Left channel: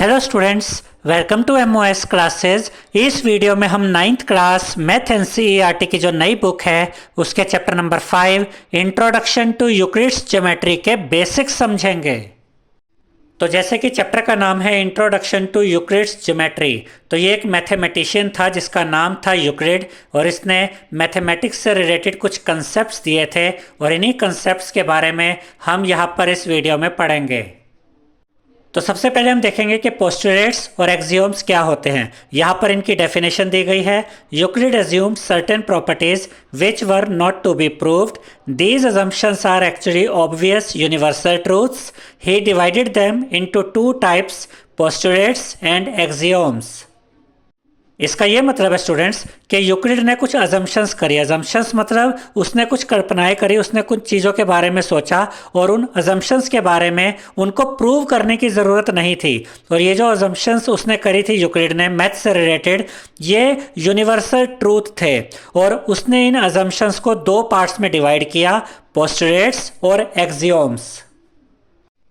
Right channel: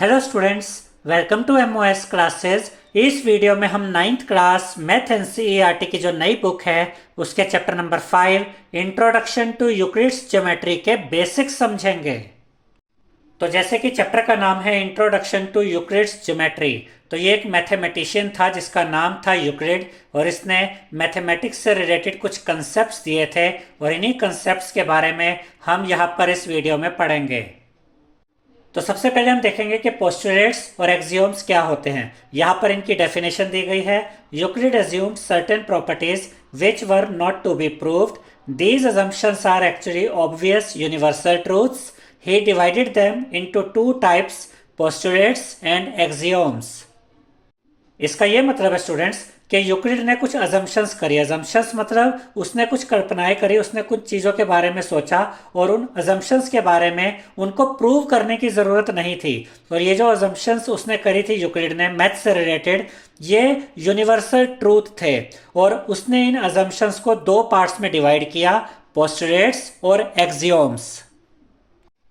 Hello students, welcome to MOS classes. इस वीडियो में हम नाइन्थ क्लास मैथ एनसीईआरटी की जो नई बुक है उसके chapter number 5 introduction to Euclid's geometry के बेसिक्स समझेंगे। तो जैसे कि चैप्टर का नाम है इंट्रोडक्शन टू यूक्लिड्स ज्योमेट्री, तो ये एक मैथमेटिशियन था जिसका नाम था यूक्लिड और इसने मैथमेटिक्स से रिलेटेड कुछ कंसेप्ट्स दिए थे और इन्हीं कंसेप्ट्स के बारे में हम यहाँ पर इस वीडियो में पढ़ेंगे। तो सबसे पहले हम देखेंगे कि पोस्टुलेट्स और एक्सियोम्स क्या होते हैं। यहाँ पर इनकी डेफिनेशन दी गई है। Euclid assumed certain properties which were not to be proved. These assumptions are actually obvious universal truths. He divided them into two types, postulates and axioms. इसका ये मतलब है स्टूडेंट्स कि यूक्लिड ने कुछ अजम्पशंस करी। अजम्पशंस मतलब उसने कुछ कल्पनाएं करी, उसने कुछ चीज़ों के बारे में सोचा और उन अजम्पशंस के बारे में उनको प्रूव करने की ज़रूरत नहीं थी। और ये जो अजम्पशंस उसने करी थी यूक्लिड ने मैथ से रिलेटेड, ये यूनिवर्सल ट्रूथ थे और उसने इन अजम्पशंस को दो पार्ट्स में डिवाइड किया, पोस्टुलेट्स और एक्सियोम्स।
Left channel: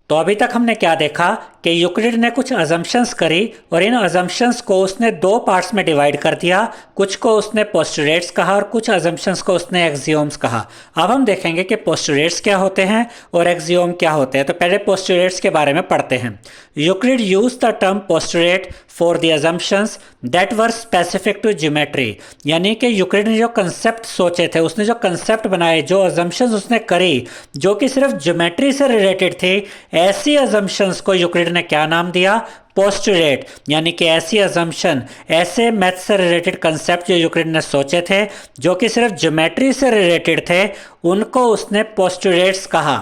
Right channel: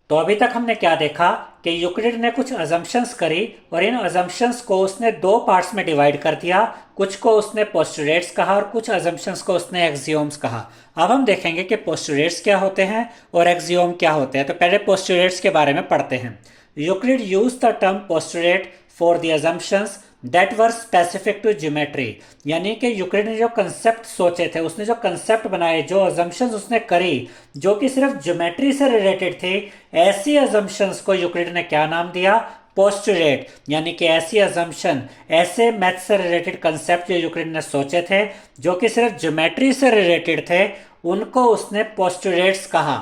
तो अभी तक हमने क्या देखा कि यूक्लिड ने कुछ अजम्पशंस करी और इन अजम्पशंस को उसने दो पार्ट्स में डिवाइड कर दिया। कुछ को उसने पोस्टुलेट्स कहा और कुछ अजम्पशंस को उसने एक्सियोम्स कहा। अब हम देखेंगे कि पोस्टुलेट्स क्या होते हैं और एक्सियोम क्या होते हैं। तो पहले पोस्टुलेट्स के बारे में पढ़ते हैं। Euclid use the term postulate for the assumptions that were specific to geometry, यानी कि यूक्लिड ने जो कंसेप्ट सोचे थे, उसने जो कंसेप्ट बनाए, जो अजम्पशंस उसने करी जो कि सिर्फ ज्योमेट्री से रिलेटेड थे, ऐसी अजम्पशंस को यूक्लिड ने क्या नाम दिया? पोस्टुलेट। यानी कि ऐसी अजम्पशन, ऐसे मैथ से रिलेटेड कंसेप्ट जो यूक्लिड ने सोचे थे जो कि सिर्फ ज्योमेट्री से रिलेटेड थे, उनको उसने पोस्टुलेट्स कहा।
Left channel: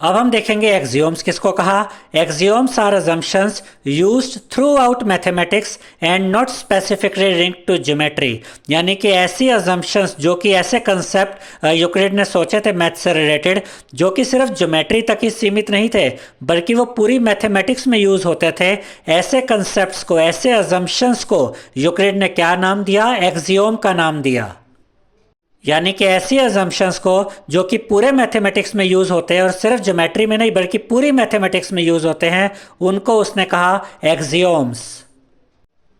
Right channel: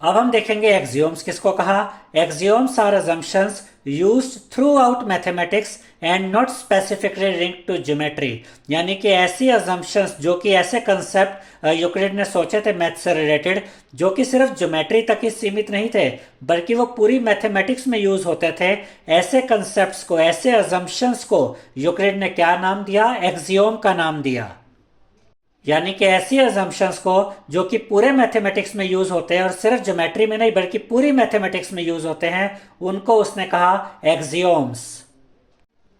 अब हम देखेंगे एक्सियोम्स किसको कहा। Axioms are assumptions used throughout mathematics and not specifically linked to geometry, यानी कि ऐसी अजम्पशंस जो कि ऐसे कंसेप्ट यूक्लिड ने सोचे थे मैथ से रिलेटेड जो कि सिर्फ ज्योमेट्री तक ही सीमित नहीं थे बल्कि वो पूरी मैथमेटिक्स में यूज होते थे। ऐसे कंसेप्ट्स को, ऐसे अजम्पशंस को यूक्लिड ने क्या नाम दिया? एक्सियोम का नाम दिया। यानी कि ऐसी अजम्पशंस को जो कि पूरे मैथमेटिक्स में यूज होते हैं और सिर्फ ज्योमेट्री में नहीं बल्कि पूरी मैथमेटिक्स में यूज होते हैं, उनको उसने कहा एक्सियोम्स।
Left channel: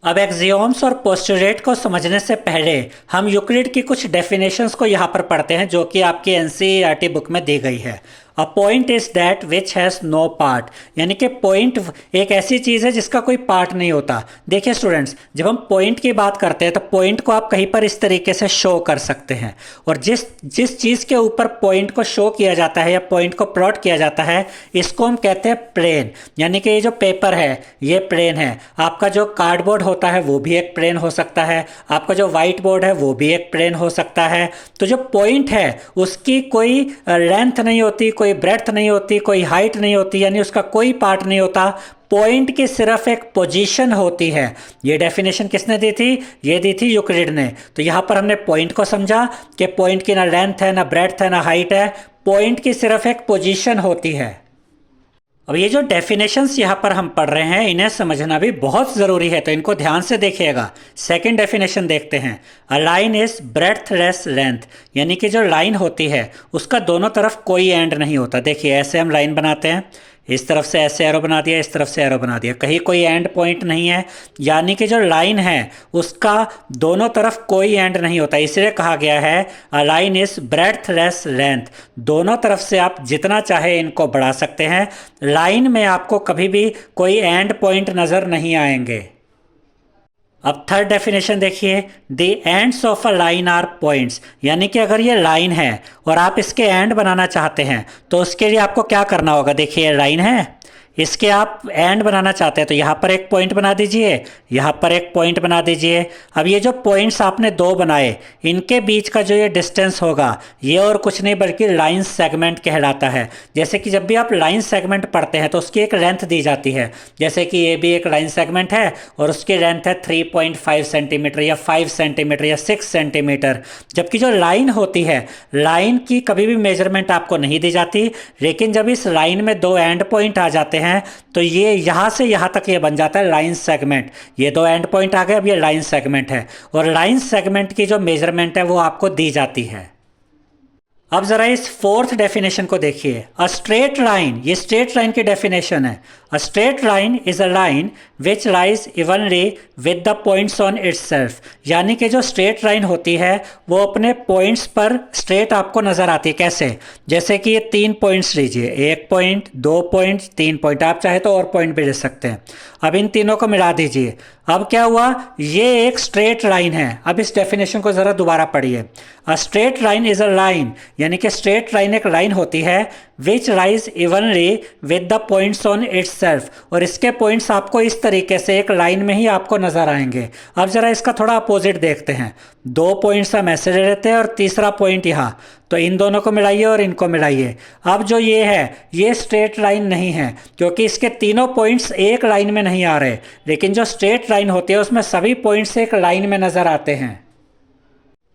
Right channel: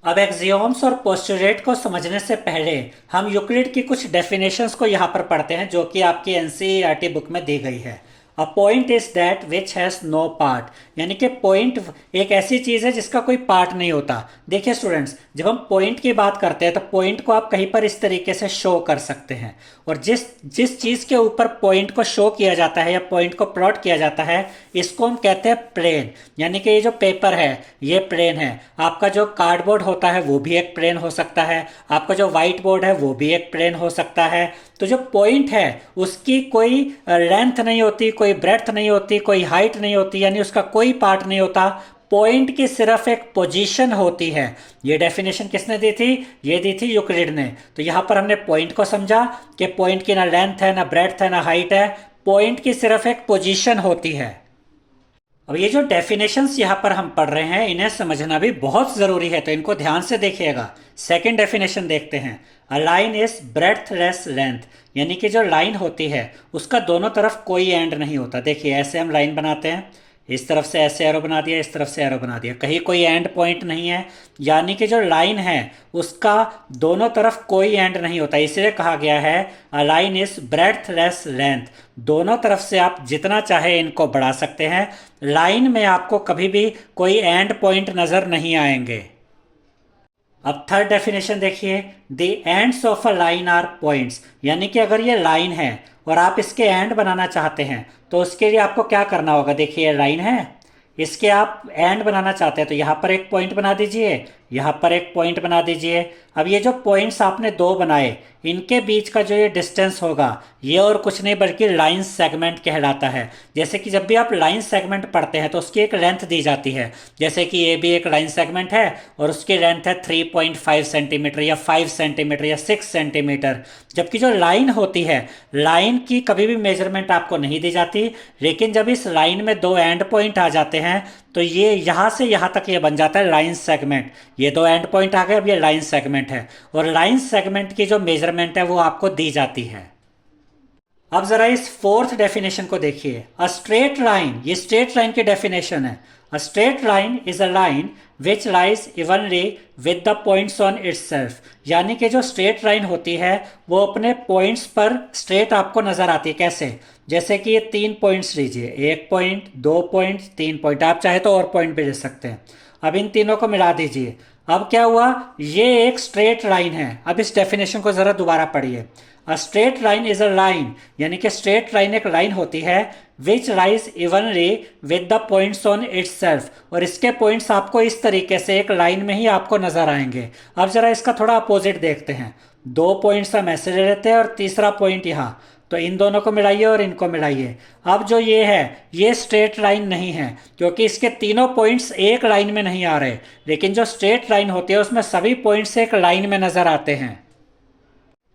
अब एक्सियोम्स और पोस्टुलेट को समझने से पहले हम यूक्लिड की कुछ डेफिनेशंस को यहाँ पर पढ़ते हैं जो कि आपकी एनसीईआरटी बुक में दी गई है। A point is that which has no part, यानी कि पॉइंट एक ऐसी चीज़ है जिसका कोई पार्ट नहीं होता। देखिए स्टूडेंट्स, जब हम पॉइंट की बात करते हैं तो पॉइंट को आप कहीं पर इस तरीके से शो कर सकते हैं और जिस जिस चीज़ के ऊपर पॉइंट को शो किया जाता है या पॉइंट को प्लॉट किया जाता है, इसको हम कहते हैं प्लेन। यानी कि ये जो पेपर है ये प्लेन है। आपका जो कार्डबोर्ड होता है वो भी एक प्लेन हो सकता है, आपका जो व्हाइट बोर्ड है वो भी एक प्लेन हो सकता है। तो जो पॉइंट है उसकी कोई लेंथ नहीं होती, कोई ब्रेड्थ नहीं होती, कोई हाइट नहीं होती, यानी उसका कोई पार्ट नहीं होता। पॉइंट की सिर्फ एक पोजीशन होती है। ये डेफिनेशन किसने दी थी? ये दी थी यूक्लिड ने। तो यहां पर हमने पॉइंट को समझा कि पॉइंट की ना लेंथ है, ना ब्रेड्थ है, ना हाइट है। पॉइंट की सिर्फ एक पोजीशन होती है। अब ये जो डेफिनेशंस यहाँ पर हम पढ़ रहे हैं इन्हें समझना भी बहुत ज़रूरी है, तो इनको ध्यान से देखिएगा। सेकंड डेफिनेशन देखते हैं। अ लाइन इज ब्रेड्थलेस लेंथ, यानी कि जो लाइन होती है उसका दोनों तरफ कोई एंड नहीं होता। देखिए ऐसे हम लाइन बनाते हैं, इस तरफ से ऐसे एरो बना दिया, इस तरफ से एरो बना दिया, कहीं कोई एंड पॉइंट नहीं है। यानी कि जो लाइन है उसका दोनों तरफ कोई एंड नहीं होता, इसलिए कहा गया है अ लाइन इज ब्रेड्थलेस लेंथ। दोनों तरफ से आप जितना चाहे इनको बढ़ा सकते हैं, लाइन में आपको कभी भी कोई एंड पॉइंट नज़र नहीं आएंगे। अब थर्ड डेफिनेशन देखिए। The ends of a line are points, यानी कि अगर ये लाइन है और आप इसके एंड बनाना चाहते हैं तो उसके लिए आपको क्या करना होगा। देखिए लाइन है, इसके आप एंड बनाना चाहते हैं तो यहाँ पर एक पॉइंट बना दीजिए, यहाँ पर एक पॉइंट बना दीजिए। अब ये जो पॉइंट्स आपने दो बनाए, इनके बीच का जो ये डिस्टेंस होगा ये और कुछ नहीं बल्कि लाइन सेगमेंट कहलाता है। जैसे कि जब भी आप लाइन सेगमेंट पढ़ते हैं तो उसकी एक लेंथ दी जाती है। जैसे कि ये भी एक लाइन सेगमेंट है और उसकी लेंथ है 3.5 सेंटीमीटर या 5 सेंटीमीटर या 6 सेंटीमीटर। जबकि जो लाइन होती है, लाइन की कभी भी मेजरमेंट आपको नहीं दी जाती, लेकिन जब इस लाइन में दो एंड पॉइंट आ जाते हैं तो ये यहां से यहां तक ये बन जाता है लाइन सेगमेंट। ये दो एंड पॉइंट आ गए, अब ये लाइन सेगमेंट है और लाइन सेगमेंट की जो मेजरमेंट है वो आपको दी जाती है। अब जरा इस फोर्थ डेफिनेशन को देखिए, अ स्ट्रेट लाइन, ये स्ट्रेट लाइन की डेफिनेशन है। अ straight line is a line which lies evenly with the points on it's self, यानी कि जो स्ट्रेट लाइन होती है वो अपने पॉइंट्स पर स्ट्रेट आपको नजर आती है। कैसे? जैसे कि ये 3 पॉइंट्स लीजिए, 1 पॉइंट, 2 पॉइंट, 3 पॉइंट, आप चाहे तो और पॉइंट भी ले सकते हैं। अब इन तीनों को मिला दीजिए, अब क्या हुआ, ये एक स्ट्रेट लाइन है। अब इस डेफिनेशन को जरा दोबारा पढ़िए, अ straight line is a line, यानी कि स्ट्रेट लाइन एक लाइन होती है विच lies evenly with the points on it's self, और इसके पॉइंट्स आपको इस तरीके से एक लाइन में ही आपको नजर आएंगे। अब जरा इसका थोड़ा अपोजिट देखते हैं, 2 पॉइंट्स हम ऐसे ले लेते हैं और तीसरा पॉइंट यहाँ, तो इन दोनों को मिलाइए और इनको मिलाइए। अब जो ये है ये स्ट्रेट लाइन नहीं है, क्योंकि इसके तीनों पॉइंट्स एक लाइन में नहीं आ रहे, लेकिन जो स्ट्रेट लाइन होती है उसमें सभी पॉइंट्स एक लाइन में नजर आते हैं।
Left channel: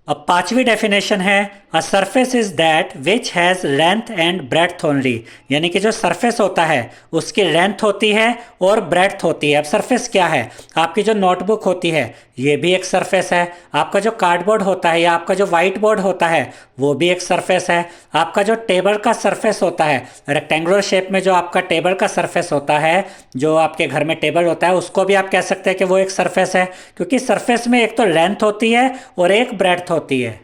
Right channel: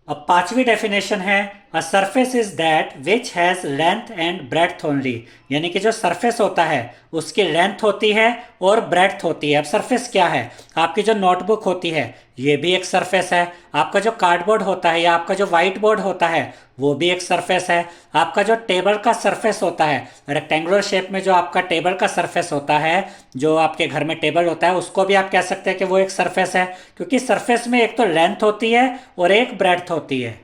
अब पांचवी डेफिनेशन है, a surface is that which has length and breadth only, यानी कि जो सरफेस होता है उसकी लेंथ होती है और ब्रेड्थ होती है। अब सरफेस क्या है? आपकी जो नोटबुक होती है ये भी एक सरफेस है, आपका जो कार्डबोर्ड होता है या आपका जो व्हाइट बोर्ड होता है वो भी एक सरफेस है, आपका जो टेबल का सरफेस होता है, रेक्टेंगुलर शेप में जो आपका टेबल का सरफेस होता है, जो आपके घर में टेबल होता है, उसको भी आप कह सकते हैं कि वो एक सरफेस है, क्योंकि सरफेस में एक तो लेंथ होती है और एक ब्रेड्थ होती है।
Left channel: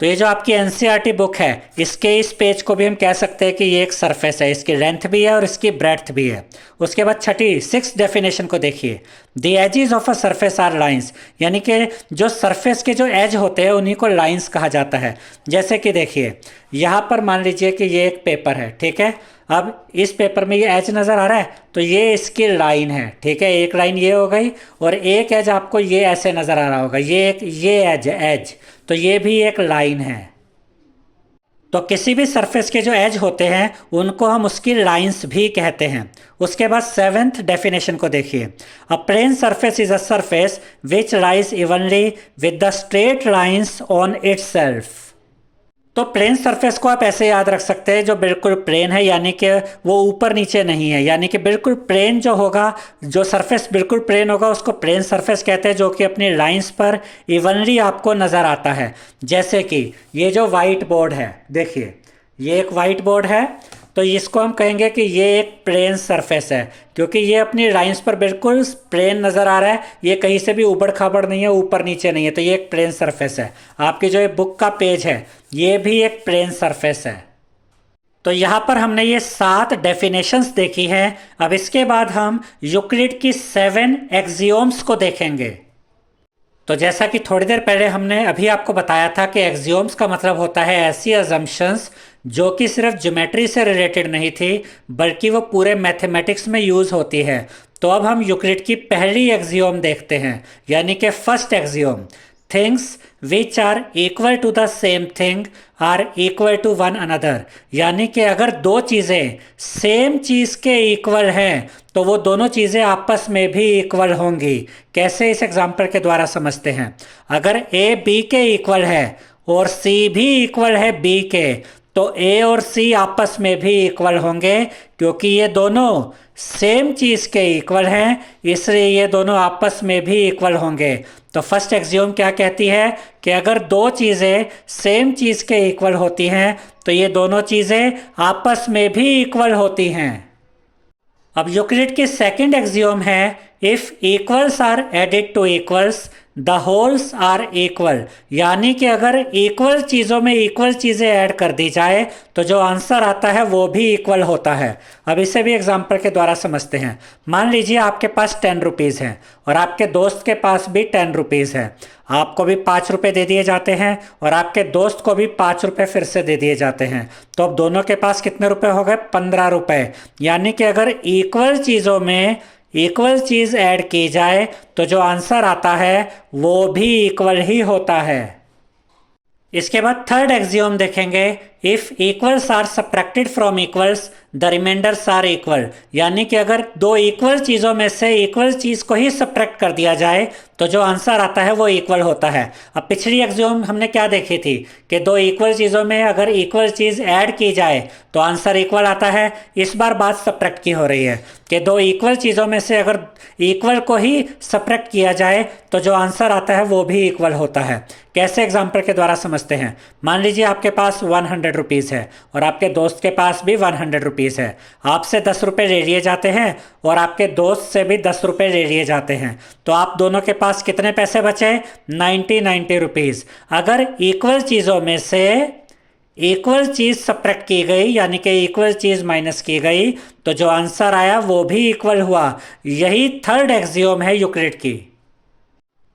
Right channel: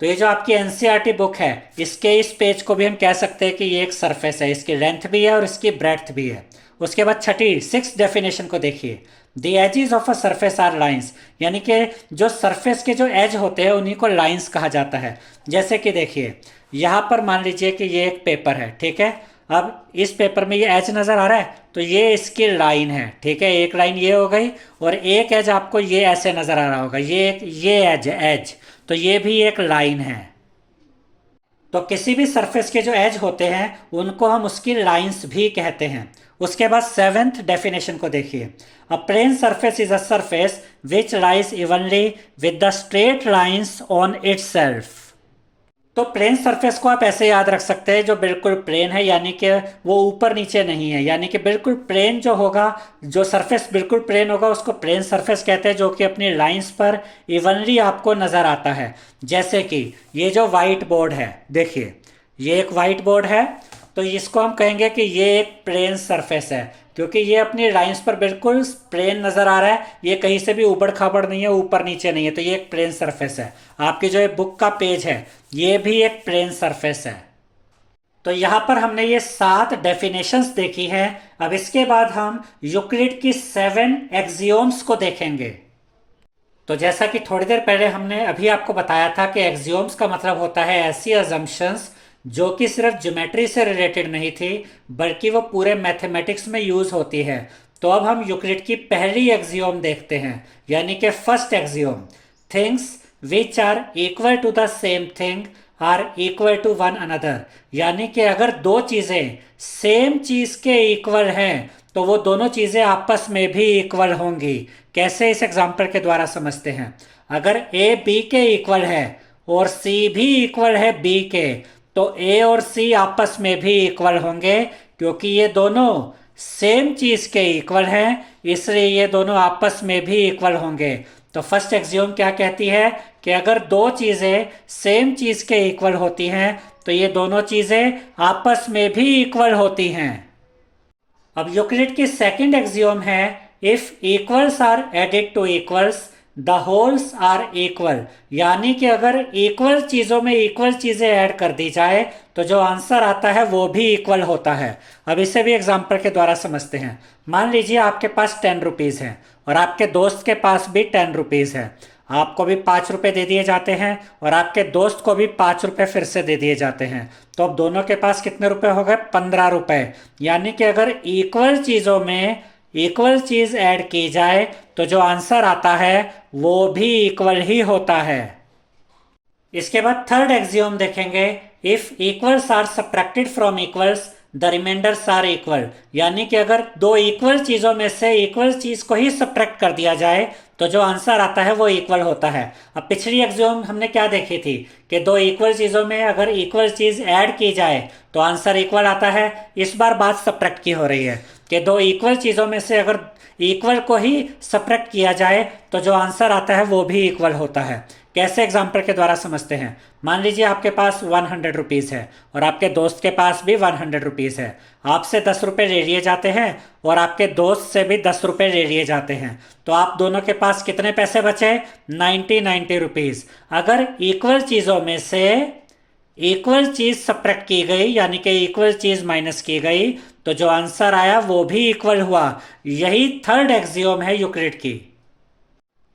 तो ये जो आपकी एनसीईआरटी बुक है इसके इस पेज को भी हम कह सकते हैं कि ये एक सरफेस है, इसकी लेंथ भी है और इसकी ब्रेड्थ भी है। उसके बाद छठी 6th डेफिनेशन को देखिए, the edges of a surface are lines, यानी कि जो सरफेस के जो एज होते हैं उन्हीं को लाइंस कहा जाता है। जैसे कि देखिए यहाँ पर मान लीजिए कि ये एक पेपर है, ठीक है। अब इस पेपर में ये एज नज़र आ रहा है तो ये इसकी लाइन है, ठीक है। एक लाइन ये हो गई और एक एज आपको ये ऐसे नज़र आ रहा होगा, ये एज, तो ये भी एक लाइन है। तो किसी भी सरफेस के जो एज होते हैं उनको हम उसकी लाइंस भी कहते हैं। उसके बाद 7th डेफिनेशन को देखिए, a plane surface is a surface which lies evenly with the straight lines on itself. तो प्लेन सरफेस को आप ऐसे याद रख सकते हैं, जो बिल्कुल प्लेन है, यानी कि वो ऊपर नीचे नहीं है, यानी कि बिल्कुल प्लेन जो होगा, जो सरफेस बिल्कुल प्लेन होगा उसको प्लेन सरफेस कहते हैं, जो कि अपनी लाइंस पर इवनली आपको नज़र आता है। जैसे कि ये जो वाइट बोर्ड है, देखिए ये एक वाइट बोर्ड है, तो इसको हम कहेंगे कि ये एक प्लेन सरफेस है, क्योंकि ये अपनी लाइंस पर बिल्कुल प्लेन नज़र आ रहा है, ये कहीं से भी उबड़ खाबड़ नहीं है, ऊपर नीचे नहीं है, तो ये एक प्लेन सरफेस है। आपकी जो बुक का पेज है ये भी एक प्लेन सरफेस है। तो यहाँ पर हमने ये 7 डेफिनेशंस देखी हैं। अब इसके बाद हम यूक्लिड की 7 एक्सियोम्स को देखेंगे। तो जैसा कि थोड़ी देर पहले हमने अभी आपको बताया था कि एक्सियोम्स का मतलब होता है ऐसी अजम्पशंस जो कि सिर्फ ज्योमेट्री से रिलेटेड नहीं थी, बल्कि वो पूरे मैथमेटिक्स में यूज़ होती है। तो अब हम यूक्लिड की पहली एक्सियोम देखते हैं, यानी कि first axiom, things which are equal to the same thing are equal to one another, यानी कि अगर दो चीज़ें सेम चीज़ के इक्वल हैं तो वो दोनों चीज़ें आपस में भी इक्वल होंगी। कैसे? इस एग्जाम्पल के द्वारा समझते हैं। अगर ए बी के इक्वल है और सी भी इक्वल है बी के, तो ए और सी आपस में भी इक्वल होंगे, क्योंकि ये दोनों सेम चीज़ के इक्वल हैं, इसलिए ये दोनों आपस में भी इक्वल होंगे। तो फर्स्ट एक्सियोम क्या कहती है कि अगर दो चीज़ें सेम चीज़ के इक्वल होती हैं तो ये दोनों चीज़ें आपस में भी इक्वल होती हैं। अब यूक्लिड की सेकंड एक्सियोम है, if equals are added to equals the wholes are equal, यानी कि अगर इक्वल चीज़ों में इक्वल चीज़ें ऐड कर दी जाए तो जो आंसर आता है वो भी इक्वल होता है। अब इसे भी एग्जाम्पल के द्वारा समझते हैं। मान लीजिए आपके पास 10 रुपीज़ हैं और आपके दोस्त के पास भी 10 रुपीज़ है। आपको भी 5 रुपये दे दिए जाते हैं और आपके दोस्त को भी 5 रुपये फिर से दे दिए जाते हैं, तो अब दोनों के पास कितने रुपए हो गए? 15 रुपये। यानी कि अगर इक्वल चीज़ों में इक्वल चीज़ ऐड की जाए तो जो आंसर आता है वो भी इक्वल ही होता है। इसके बाद थर्ड एक्सियोम देखेंगे, if equals are subtracted from equals the remainders are equal, यानी कि अगर दो इक्वल चीज़ों में से इक्वल चीज़ को ही सब्ट्रैक्ट कर दिया जाए तो जो आंसर आता है वो इक्वल होता है। अब पिछली एक्सियोम हमने क्या देखी थी कि दो इक्वल चीज़ों में अगर इक्वल चीज़ ऐड की जाए तो आंसर इक्वल आता है। इस बार बात सब्ट्रैक्ट की हो रही है कि दो इक्वल चीज़ों में से अगर इक्वल को ही सब्ट्रैक्ट किया जाए तो जो आंसर आता है वो भी इक्वल होता है। कैसे एग्जाम्पल के द्वारा समझते हैं। मान लीजिए आपके पास 100 रुपीज़ है और आपके दोस्त के पास भी 100 रुपीज़ है। आपसे 10 रुपये ले लिए जाते हैं और आपके दोस्त से भी 10 रुपये ले लिए जाते हैं, तो आप दोनों के पास कितने पैसे बचे? 90 रुपीज़। अगर इक्वल चीज़ों में से इक्वल चीज सब्ट्रैक्ट की गई, यानी कि इक्वल चीज माइनस की गई, तो जो आंसर आया वो भी इक्वल हुआ। यही थर्ड एक्सियोम है यूक्लिड की।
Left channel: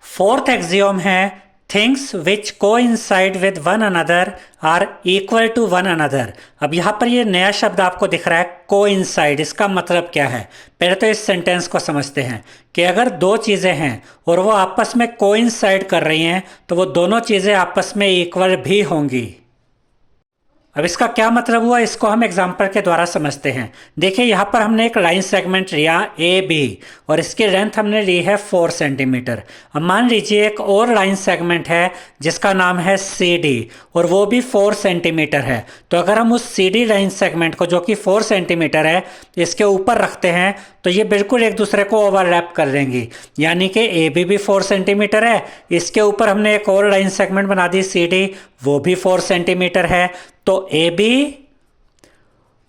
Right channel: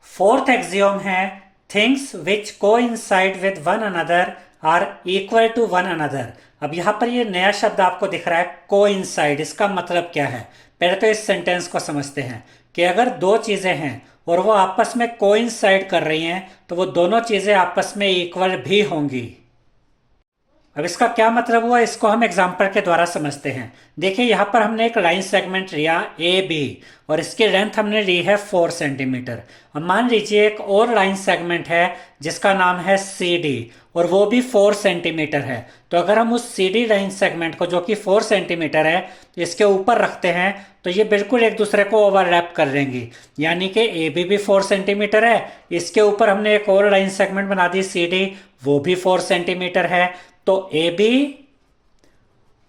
फोर्थ एक्सियोम है things which coincide with one another are equal to one another. अब यहां पर ये नया शब्द आपको दिख रहा है कोइंसाइड। इसका मतलब क्या है? पहले तो इस सेंटेंस को समझते हैं कि अगर दो चीजें हैं और वो आपस में कोइंसाइड कर रही हैं तो वो दोनों चीजें आपस में इक्वल भी होंगी। अब इसका क्या मतलब हुआ, इसको हम एग्जाम्पल के द्वारा समझते हैं। देखिए यहाँ पर हमने एक लाइन सेगमेंट लिया ए बी और इसकी लेंथ हमने ली है 4 सेंटीमीटर। अब मान लीजिए एक और लाइन सेगमेंट है जिसका नाम है सी डी और वो भी 4 सेंटीमीटर है। तो अगर हम उस सी डी लाइन सेगमेंट को, जो कि 4 सेंटीमीटर है, इसके ऊपर रखते हैं तो ये बिल्कुल एक दूसरे को ओवरलैप कर लेंगी। यानी कि ए बी भी 4 सेंटीमीटर है, इसके ऊपर हमने एक और लाइन सेगमेंट बना दी सी डी, वो भी 4 सेंटीमीटर है। तो ए बी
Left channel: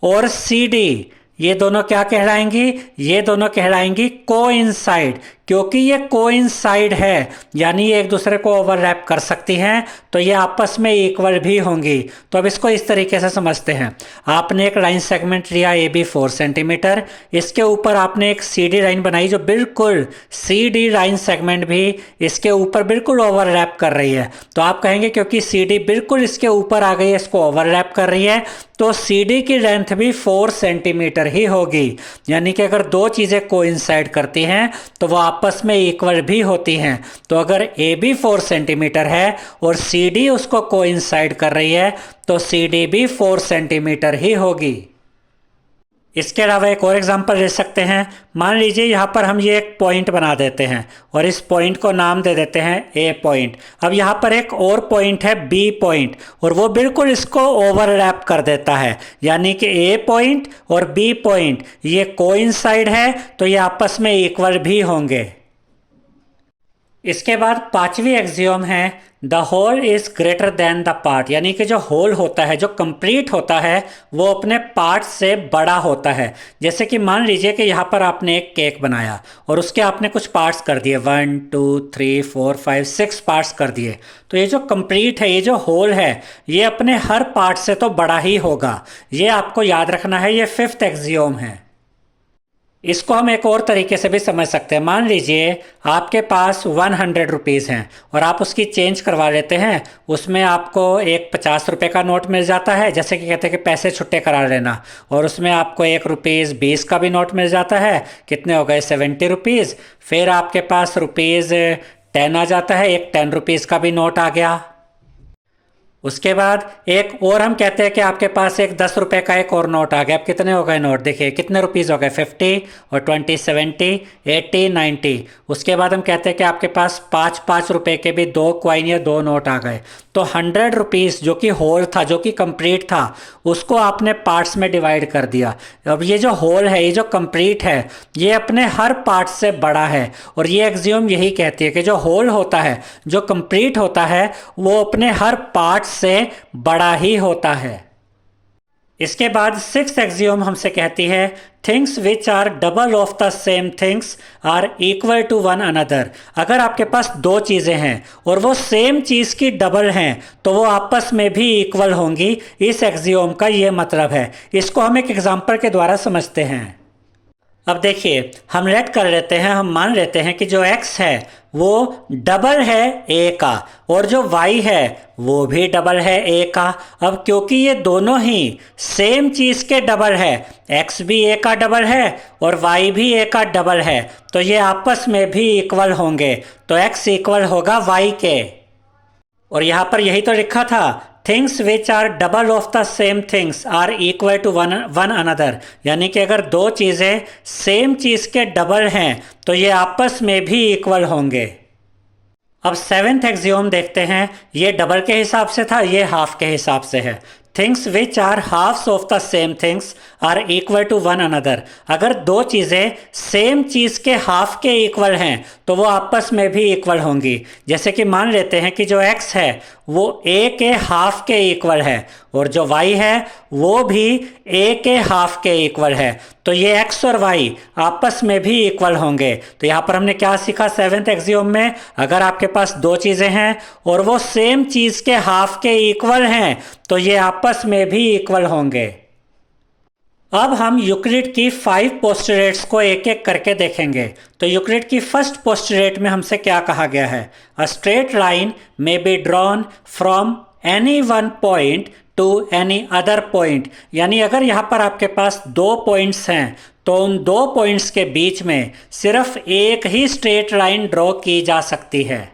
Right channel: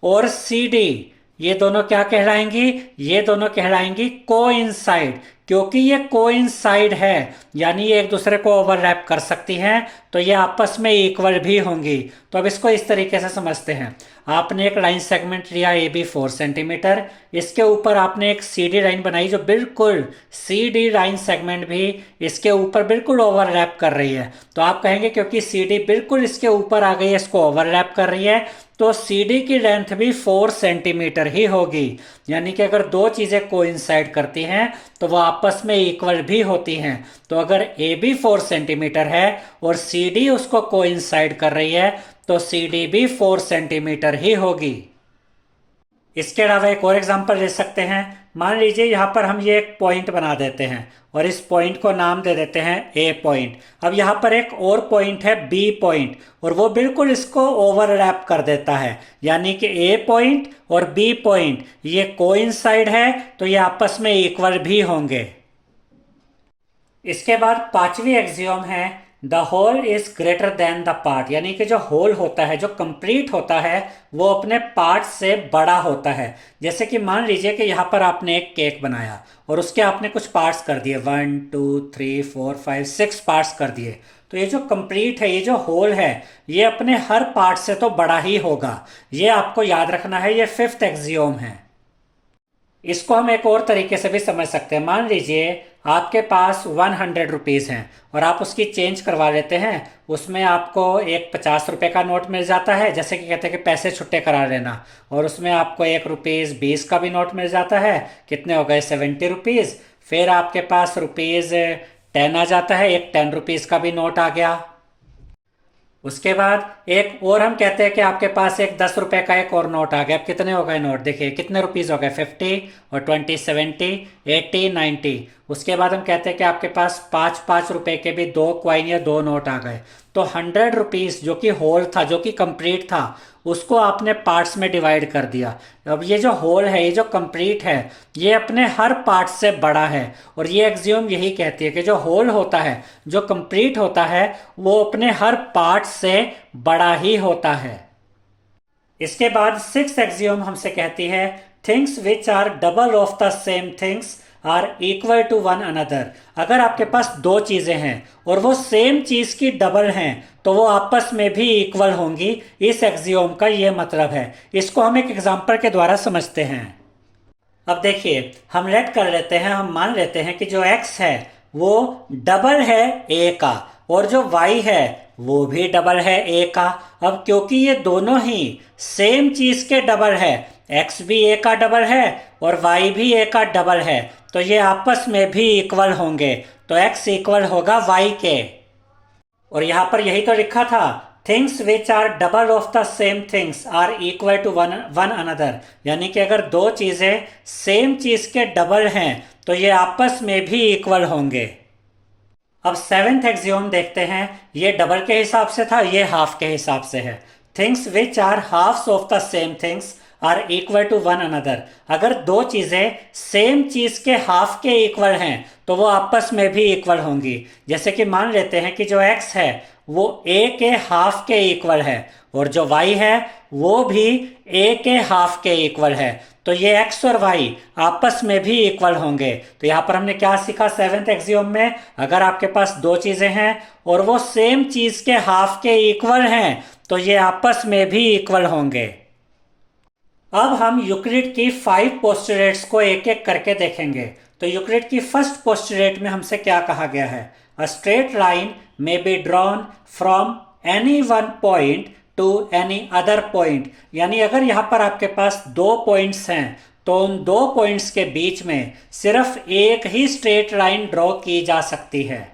और सी डी ये दोनों क्या कहलाएंगी? ये दोनों कहलाएंगी कोइंसाइड। क्योंकि ये कोइंसाइड है यानी ये एक दूसरे को ओवरलैप कर सकती हैं, तो ये आपस में इक्वल भी होंगी। तो अब इसको इस तरीके से समझते हैं। आपने एक लाइन सेगमेंट लिया ए बी 4 सेंटीमीटर, इसके ऊपर आपने एक सी डी लाइन बनाई जो बिल्कुल सी डी लाइन सेगमेंट भी इसके ऊपर बिल्कुल ओवरलैप कर रही है। तो आप कहेंगे क्योंकि सी डी बिल्कुल इसके ऊपर आ गई है, इसको ओवरलैप कर रही है, तो सी डी की लेंथ भी 4 सेंटीमीटर ही होगी। यानी कि अगर दो चीज़ें कोइंसाइड करती हैं तो वो आपस में इक्वल भी होती हैं। तो अगर ए बी 4 सेंटीमीटर है और सी डी उसको कोइंसाइड कर रही है तो सी डी भी 4 सेंटीमीटर ही होगी। इसके अलावा एक और एग्जांपल ले सकते हैं। मान लीजिए यहाँ पर हम ये एक पॉइंट बना देते हैं और इस पॉइंट को नाम दे देते हैं ए पॉइंट। अब यहाँ पर एक और पॉइंट है बी पॉइंट और वो बिल्कुल इसको ओवरलैप कर देता है। यानी कि ए पॉइंट और बी पॉइंट ये कोइंसाइड है तो ये आपस में इक्वल भी होंगे। इसके बाद पांचवी एक्सियोम है the whole is greater than the part. यानी कि जो होल होता है, जो कंप्लीट होता है, वो अपने पार्ट से बड़ा होता है। जैसे कि मान लीजिए कि यहाँ पर आपने एक केक बनाया और उसके आपने कुछ पार्ट्स कर दिए, 1 2 3 4 5 6 पार्ट्स कर दिए। तो ये जो कंप्लीट है, ये जो होल है, ये अपने हर पार्ट से तो बड़ा ही होगा। ये आपको याद रखना है, ये फिफ्थ एक्सियोम है। इसको हम एक और तरीके से भी समझ सकते हैं। मान लीजिए आपके पास 100 रुपीज़ हैं और आप उसकी चेंज करवा लेते हैं। उसमें आपको एक 50 रुपये का नोट मिल जाता है, जैसे कि कहते हैं कि पैसे छुट्टे करा लेना, और उसमें आपको ₹1 का भी नोट मिल जाता है। कितने हो गए? 70 रुपीज़। फिर आपके पास ₹10 आ जाता है, एक 10 रुपीज़ का भी नोट आ गया। उसके बाद एक और हम कहते हैं कि आपके पास एक 10 रुपये का एक और नोट आ गया। अब कितने हो गए नोट? देखिए कितने रुपीज़ हो गए, 50 और 20 70 80 90। उसके बाद हम कहते हैं कि आपके पास 5 रुपए के भी 2 कॉइन या 2 नोट आ गए। तो 100 रुपीज़ जो कि होल था, जो कि कंप्लीट था, उसको आपने पार्ट्स में डिवाइड कर दिया। अब ये जो होल है, ये जो कंप्लीट है, ये अपने हर पार्ट से बड़ा है। और ये एक्सियोम यही कहती है कि जो होल होता है, जो कंप्लीट होता है, वो अपने हर पार्ट से बड़ा ही होता है। इसके बाद सिक्स्थ एक्सियोम हमसे कहती है things which are double of the same things are equal to one another. अगर आपके पास दो चीज़ें हैं और वो सेम चीज़ की डबल हैं तो वो आपस में भी इक्वल होंगी। इस एक्सियोम का ये मतलब है। इसको हम एक एग्जांपल के द्वारा समझते हैं। अब देखिए, हम लेट कर लेते हैं, हम मान लेते हैं कि जो x है वो डबल है a का और जो y है वो भी डबल है a का। अब क्योंकि ये दोनों ही सेम चीज़ के डबल है, x भी a का डबल है और y भी a का डबल है, तो ये आपस में भी इक्वल होंगे। तो x इक्वल होगा y के। और यहाँ पर यही तो लिखा था, things which are double of the same things are equal to one another. यानी कि अगर दो चीज़ें सेम चीज़ के डबल हैं तो ये आपस में भी इक्वल होंगे। अब सेवेंथ एक्सियोम देखते हैं। ये डबल के हिसाब से था, ये हाफ के हिसाब से है। Things which are halves of the same things are equal to one another. अगर दो चीज़ें सेम चीज़ के हाफ के इक्वल हैं तो वो आपस में भी इक्वल होंगी। जैसे कि मान लेते हैं कि जो x है वो a के हाफ के इक्वल है और जो y है वो भी a के हाफ के इक्वल है, तो ये x और y आपस में भी इक्वल होंगे। तो यहाँ पर हमने क्या सीखा सेवेंथ एक्सियोम में, अगर आपके पास दो चीज़ें हैं और वो सेम चीज़ के हाफ के इक्वल हैं तो ये आपस में भी इक्वल होंगे। अब हम यूक्लिड की 5 पोस्टुलेट्स को एक एक करके देखेंगे। तो यूक्लिड की फर्स्ट पोस्टुलेट में हमसे क्या कहा गया है, अ straight line may be drawn from any one point two any other point. यानी अगर यहाँ पर आपके पास दो पॉइंट्स हैं तो उन दो पॉइंट्स के बीच में सिर्फ एक ही स्ट्रेट लाइन ड्रॉ की जा सकती है।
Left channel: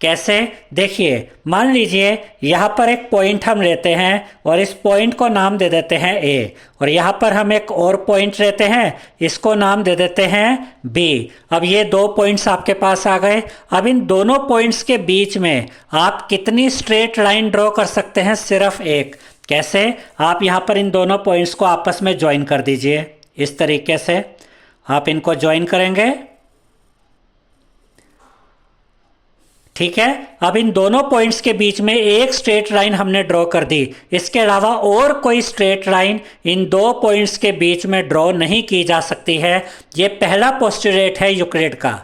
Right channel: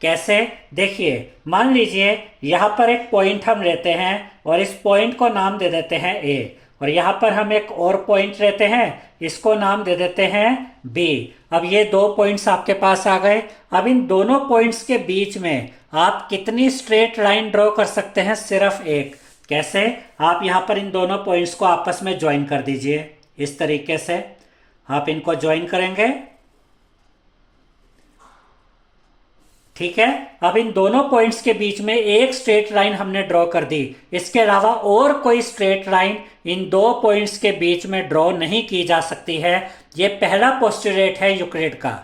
कैसे, देखिए मान लीजिए यहाँ पर एक पॉइंट हम लेते हैं और इस पॉइंट को नाम दे देते हैं ए, और यहाँ पर हम एक और पॉइंट लेते हैं, इसको नाम दे देते हैं बी। अब ये दो पॉइंट्स आपके पास आ गए। अब इन दोनों पॉइंट्स के बीच में आप कितनी स्ट्रेट लाइन ड्रॉ कर सकते हैं, सिर्फ एक। कैसे, आप यहाँ पर इन दोनों पॉइंट्स को आपस में ज्वाइन कर दीजिए। इस तरीके से आप इनको ज्वाइन करेंगे, ठीक है। अब इन दोनों पॉइंट्स के बीच में एक स्ट्रेट लाइन हमने ड्रॉ कर दी, इसके अलावा और कोई स्ट्रेट लाइन इन दो पॉइंट्स के बीच में ड्रॉ नहीं की जा सकती है। ये पहला पोस्टुलेट है यूक्लिड का।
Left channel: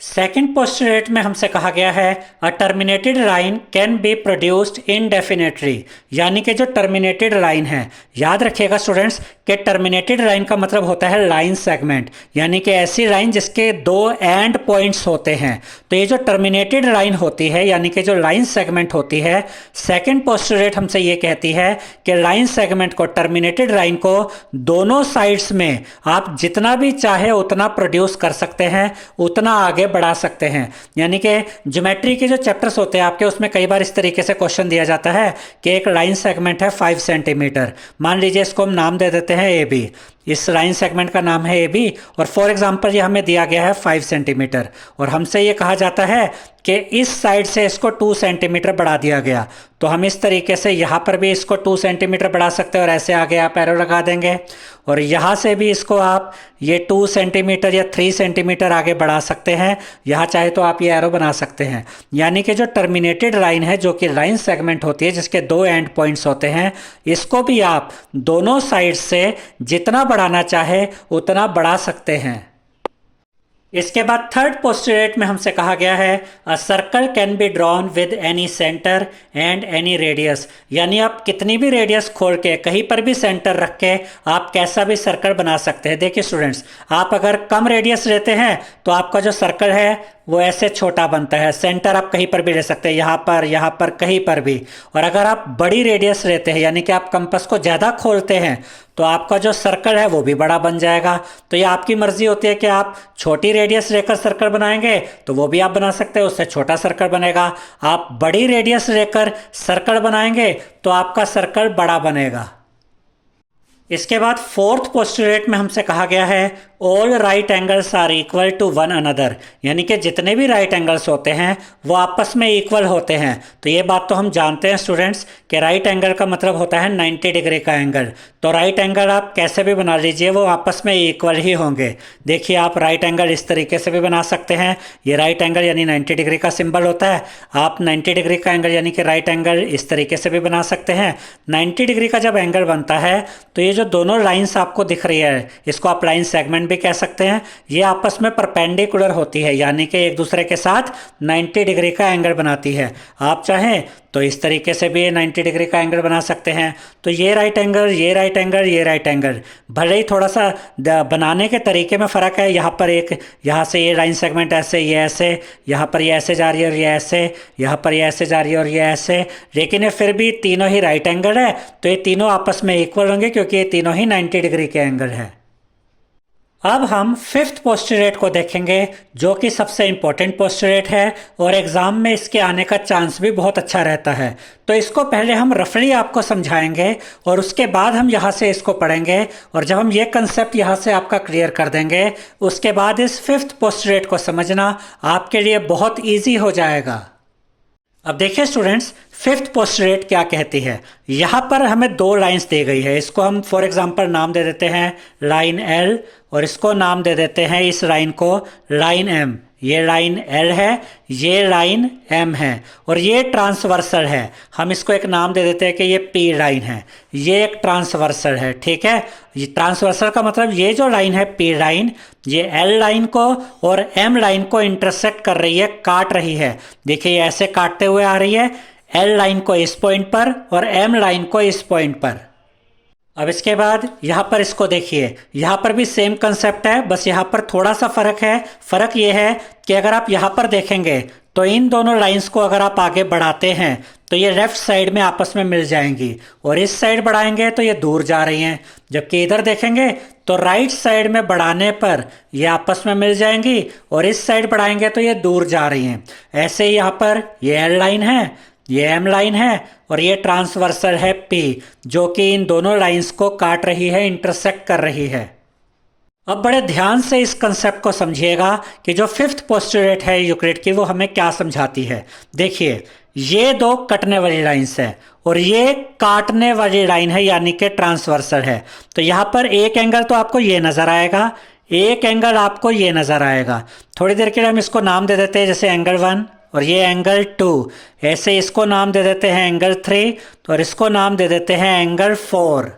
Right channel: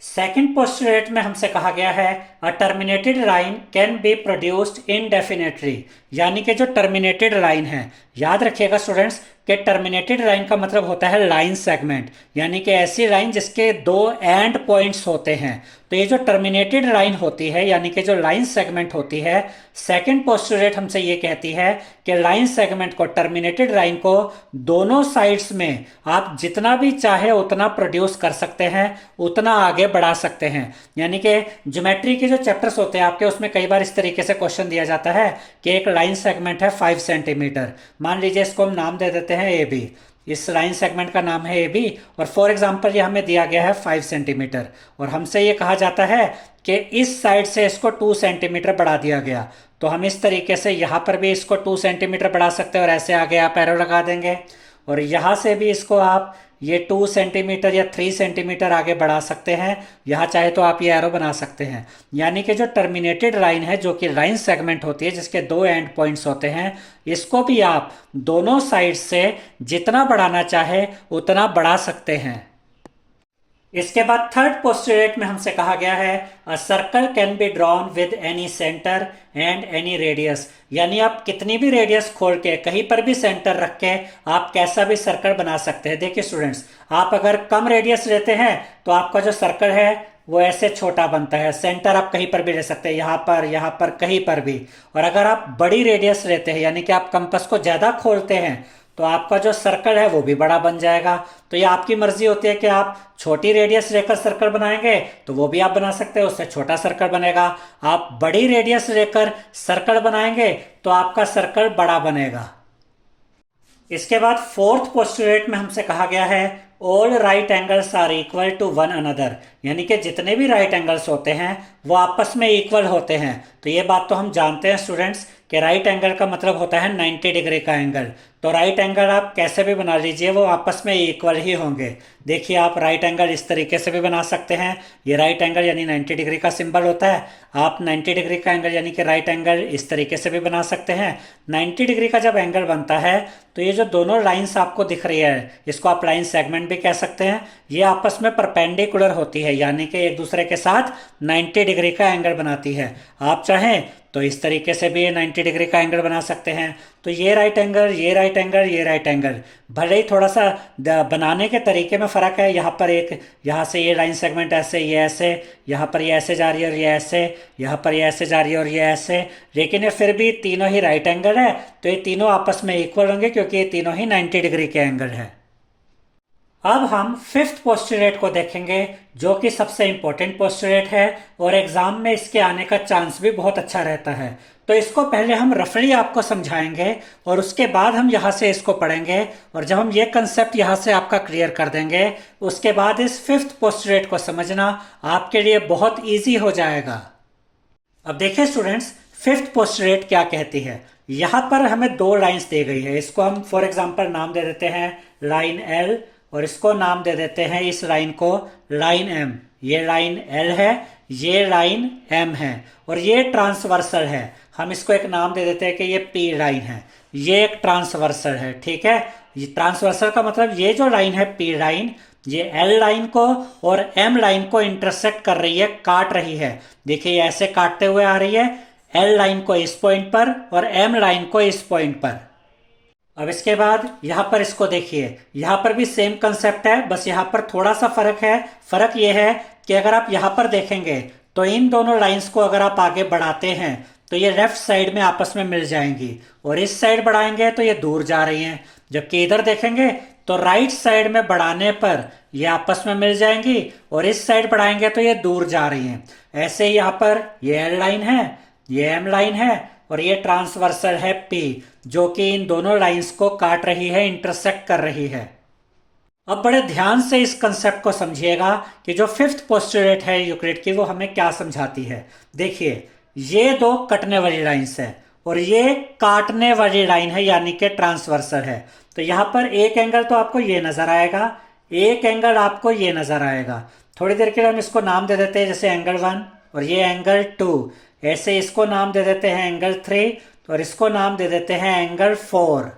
सेकेंड पोस्टुलेट में हमसे कहा गया है a terminated line can be produced indefinitely. यानी कि जो टर्मिनेटेड लाइन है, याद रखिएगा स्टूडेंट्स कि टर्मिनेटेड लाइन का मतलब होता है लाइन सेगमेंट, यानी कि ऐसी लाइन जिसके दो एंड पॉइंट्स होते हैं। तो ये जो टर्मिनेटेड लाइन होती है यानी कि जो लाइन सेगमेंट होती है, सेकेंड पोस्टुलेट हमसे ये कहती है कि लाइन सेगमेंट को, टर्मिनेटेड लाइन को दोनों साइड्स में आप जितना भी चाहे उतना प्रोड्यूस कर सकते हैं, उतना आगे बढ़ा सकते हैं। यानी कि ज्योमेट्री के जो चैप्टर्स होते हैं आपके, उसमें कई बार इस तरीके से क्वेश्चन दिया जाता है कि एक लाइन सेगमेंट है 5 सेंटीमीटर, मान लीजिए इसको हम नाम दे देते हैं ए बी, इस लाइन सेगमेंट का नाम है ए बी, और फॉर एग्जांपल ये हमें दिया गया है 5 सेंटीमीटर, और हमसे ये कहा जाता है कि इस साइड से इसको 2 सेंटीमीटर बढ़ा दिया गया। तो हम इस तरीके से यहाँ पर भी इसको 2 सेंटीमीटर बढ़ा सकते हैं और ऐसे आगे आप एरो लगा देंगे, और यहाँ से भी इसको आप ये 2 सेंटीमीटर या 3 सेंटीमीटर आगे बढ़ा सकते हैं। यहाँ चाहे तो आप ये एरो बना सकते हैं। यानी कि जो टर्मिनेटेड लाइन है, जो कि लाइन सेगमेंट होती है जिसके दो एंड पॉइंट्स होते हैं, इसको भी आप दोनों साइड से जितना बढ़ाना चाहे उतना बढ़ा सकते हैं। इसके बाद थर्ड पोस्टुलेट में हमसे कहा गया है a circle can be drawn with any centre and any radius. यानी आप कितनी भी रेडियस खोल के, कहीं पर भी सेंटर रख के आप कैसा भी सर्कल बना सकते हैं। देखिए स्टूडेंट्स, आप अगर कम रेडियस लेते हैं तो आपका जो सर्कल है वो ऐसे छोटा बनता है। सेंटर आप कहीं पर भी ले सकते हैं, यहाँ पर कहीं पर भी। और अगर आप बड़ी रेडियस लेते हैं, यानी कि आप कंपास को ज़्यादा खोलते हैं, तो आपका जो सर्कल है वो भी बड़ा बन जाएगा। तो ये आपकी मर्जी होती है कि आप छोटी रेडियस लेकर सर्कल बनाएंगे तो वो भी आप बना सकते हैं, उससे छोटा सर्कल बनेगा। आप बड़ी रेडियस लेकर सर्कल बनाएंगे तो आपका सर्कल बड़ा बनेगा। इसके बाद फोर्थ पोस्टुलेट में हमसे कहा गया है all right angles are equal to one another. यानी कि जितने भी राइट एंगल्स होते हैं वो आपस में इक्वल होते हैं। तो ये बात तो हम जानते हैं स्टूडेंट्स कि राइट एंगल का मतलब होता है 90 डिग्री का एंगल। तो राइट एंगल आप कैसे भी बना लीजिए वो आपस में इक्वल ही होंगे। देखिए आप राइट एंगल इस तरीके से भी बना सकते हैं, ये राइट एंगल यानी 90 डिग्री का सिंबल होता है। आप 90 डिग्री का एंगल यानी कि राइट एंगल इस तरीके से भी बना सकते हैं। 90 डिग्री का जब एंगल बनता है तो ये जो दोनों लाइंस आपको दिख रही है, इसको आप लाइन सेगमेंट भी कह सकते हैं। ये आपस में परपेंडिकुलर होती है, यानी कि एक दूसरे के साथ 90 डिग्री का एंगल बनाती है। आप चाहें तो इस तरीके से भी 90 डिग्री का एंगल बना सकते हैं। तो ये राइट एंगल, ये राइट एंगल, ये राइट एंगल, भले ही थोड़ा सा बनाने के तरीके में फ़र्क है। यहाँ पर एक, यहाँ से ये लाइन सेगमेंट ऐसे, ये ऐसे, यहाँ पर ये ऐसे जा रही है और ये ऐसे, यहाँ पर ये ऐसे जा रही है और ये ऐसे, लेकिन ये फिर भी तीनों ही राइट एंगल है। तो ये तीनों आपस में इक्वल होंगे क्योंकि ये तीनों ही 90 डिग्री के एंगल है। अब हम फिफ्थ पोस्टुलेट को देखेंगे जो कि सबसे इंपॉर्टेंट पोस्टुलेट है और एग्जाम में इसके आने का चांस भी बहुत अच्छा रहता है। तो इसको पहले हम रफली आपको समझाएंगे और उसके बाद हम यहाँ से इसको पढ़ेंगे, और जब हम ये कंसेप्ट यहाँ से आपका क्लियर कर देंगे उसके बाद इस फिफ्थ पोस्टुलेट को समझना आपके लिए बहुत ईजी हो जाएगा। अब देखिए स्टूडेंट्स, फिफ्थ पोस्टुलेट क्या कहती है? यहाँ पर हमें दो लाइंस दी गई है, इसको हम फॉर एग्जांपल नाम दे देते हैं लाइन एल, और इसको नाम दे देते हैं इस लाइन को लाइन एम। ये लाइन एल है, ये लाइन एम है, और ये ट्रांसवर्सल है। हम इसको एक नाम दे देते हैं कि ये पी लाइन है, ये एक ट्रांसवर्सल है। ठीक है, ये ट्रांसवर्सल का मतलब ये जो लाइन है पी लाइन, ये एल लाइन को और एम लाइन को इंटरसेक्ट कर रही है, काट रही है। देखिए ऐसे काटते हुए आ रही है, एल लाइन को इस पॉइंट पर और एम लाइन को इस पॉइंट पर। अब इसके बाद यहां पर इसको देखिए, यहां पर भी सेम कंसेप्ट है, बस यहां पर थोड़ा सा फर्क है। फर्क यह है कि अगर आप यहां पर देखेंगे तो इन दोनों लाइंस को अगर आप आगे बढ़ाते हैं तो ये लेफ्ट साइड में आपस में मिल जाएंगी, और इस साइड बढ़ाएंगे तो ये दूर जा रही हैं। जबकि इधर देखेंगे तो राइट साइड में बढ़ाने पर ये आपस में मिल जाएंगी, और इस साइड बढ़ाएंगे तो ये दूर जा रही हैं। ऐसे ही यहाँ पर ये एल लाइन है, ये एम लाइन है, और ये ट्रांसवर्सल है पी, जो कि इन दोनों लाइंस को काट रही है, इंटरसेक्ट कर रही है। अब बड़े ध्यान से इस कंसेप्ट को समझिएगा कि जो फिफ्थ पोस्टुलेट है यूक्लिड की वो हमें क्या समझाती है। देखिए ये दो कटने वाली लाइंस है और ये काटने वाली लाइन है, यानी कि ट्रांसवर्सल है। तो यहां पर एक एंगल तो आपको ये नजर आएगा, एक एंगल आपको ये नजर आएगा। थोड़ी देर के लिए हम इसको नाम दे देते हैं, जैसे एंगल 1, और ये एंगल 2। ऐसे इसको नाम दे देते हैं एंगल 3, और इसको नाम दे देते हैं एंगल 4।